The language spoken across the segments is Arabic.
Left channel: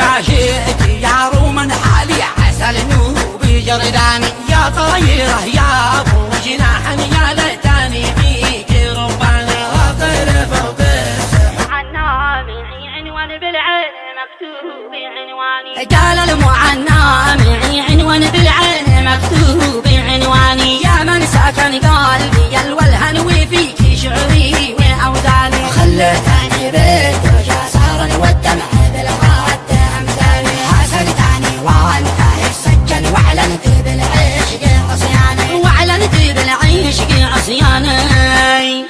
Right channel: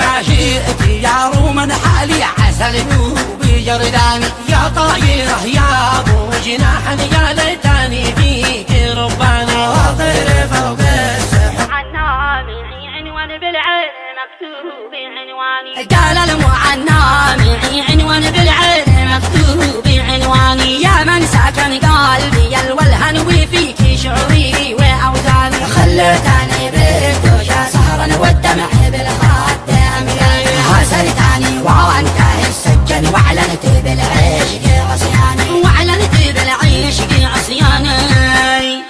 ما شئت يا روما حالي عسى لنوبي جرداني يا طايره يا ابو جناح يا ليتني فيك رباني طير فوق السحب عنامي عنوان بالعين مكتوب عنواني قال المعنامي عنوان بالعين مكتوب عنواني يا من سكن قلبي الولهن وفيك شعوري واوزاني خلتني بالدوشة صارا والدمع بالخد أمثالي حسنتني وانت السجن واعلنت بالعشق عصياني واعلنت بالعشق عصياني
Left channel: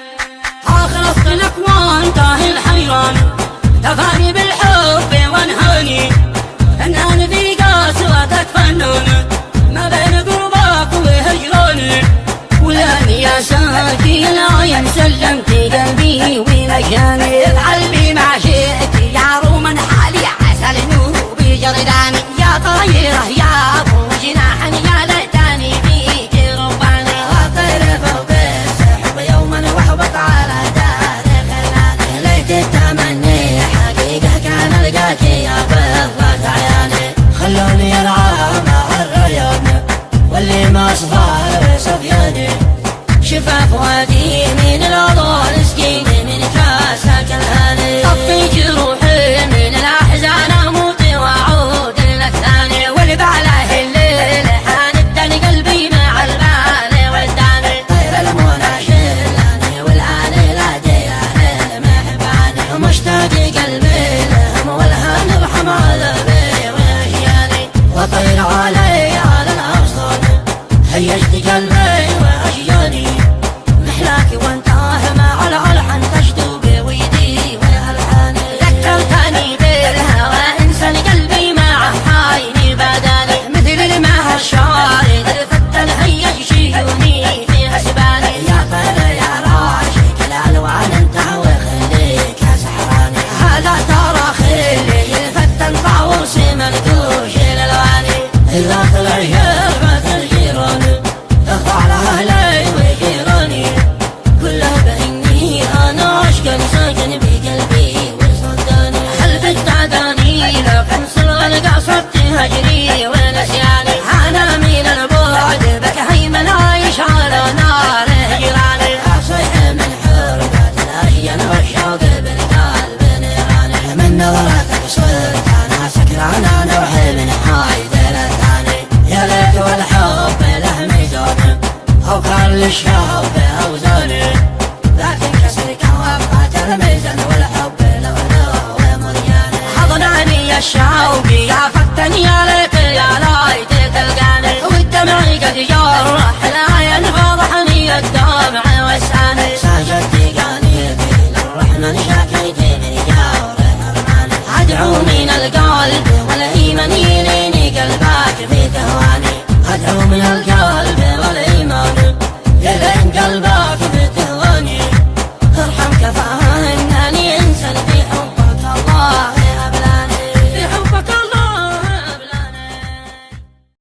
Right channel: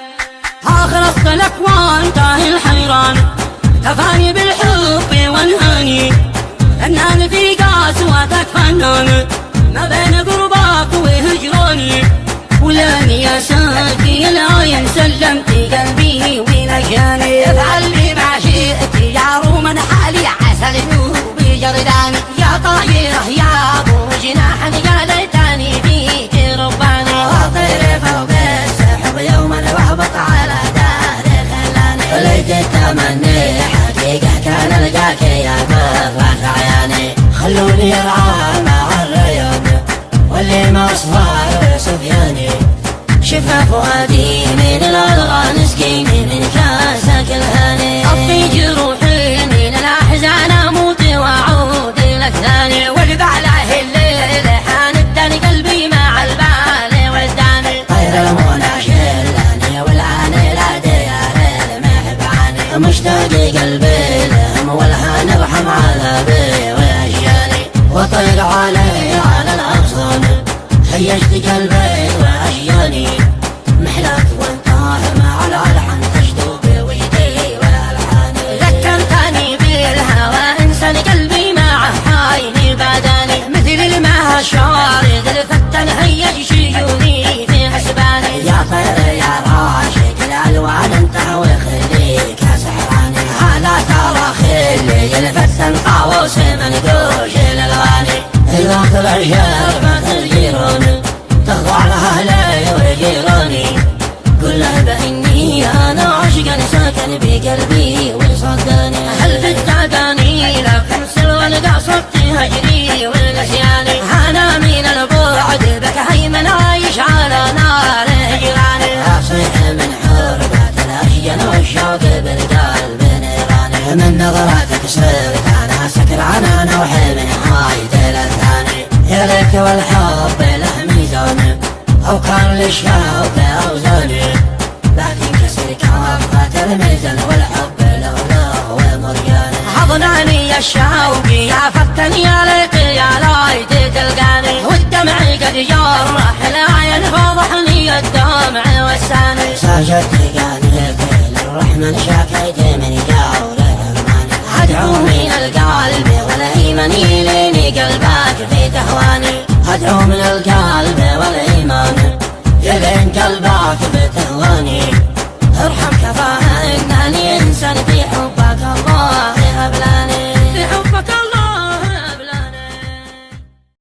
اخلصت لك وانتهي الحيران تفاني بالحب وانهاني فنان في قسوتك فنان ما بين قربك وهجراني ولاني يا ساكي العين سلمت قلبي ولجاني افعل بي ما شئت يا روما حالي عسى لنوبي جرداني يا طايره يا ابو جناح يا ليتني فيك رباني طير فوق السحب يوما واهبط على دار الخلاني لقيت التمني حقيقة كان لقاك يا برة عياني خلوني العب مع الرياض واللي ما صفار صفياني شفا فؤادي من الأضغان سقيني من كاسك الهاني طفي جروحي من الاحزان اموت واعود لك ثاني والبعله الليل حاندني قلبي مع البال وداني طير المنى شلاني والعان لا ديار المحباني مشتاق قلبي لهم والهان ارحم عذابي واشياني وطير علي على الاغصان هيجت قلبي واشياني محلاكي وانتهى مع الالحان تشدو بويدي والالحان ذكرتني بالهوى انسان قلبي مع حايني بداني مثل الماء الشارد الفتى الهيج شيوني في حسباني يا طير يا راشق الالوان انتهى وخليك يا سحراني هذا ترى خلي الفتى طاووس منقوش للغاني الوقت العشاء بات الجيران تخضع لها اهلي وجيراني كله باني انا عاشقا ساكن بقلبي وصدقني هل بالتعداني لو كنسل والقصد تهجري ونسياني انا من البعد بك هيمن عايش على نار هجراني اصيح من حربة الاشجان والشوق بالقلب نيراني من نظراتك صرت انا سكران انا وحلمي حايد الثاني يا ليت والحب له ميزان او كان للشوق اوزاني لكن كسر كوفة الميزان والحب له ومرياني حضناني الشوق يا فتني يا ليت يا ليت تلقاني والدمع قد جرح العين فضحني الدمع والساني ساجدت قاني كل الرحمن شاكيت من جاوره ارماني ادعو من القلب والايمان يليني قلبك في تهواني ادعو من القلب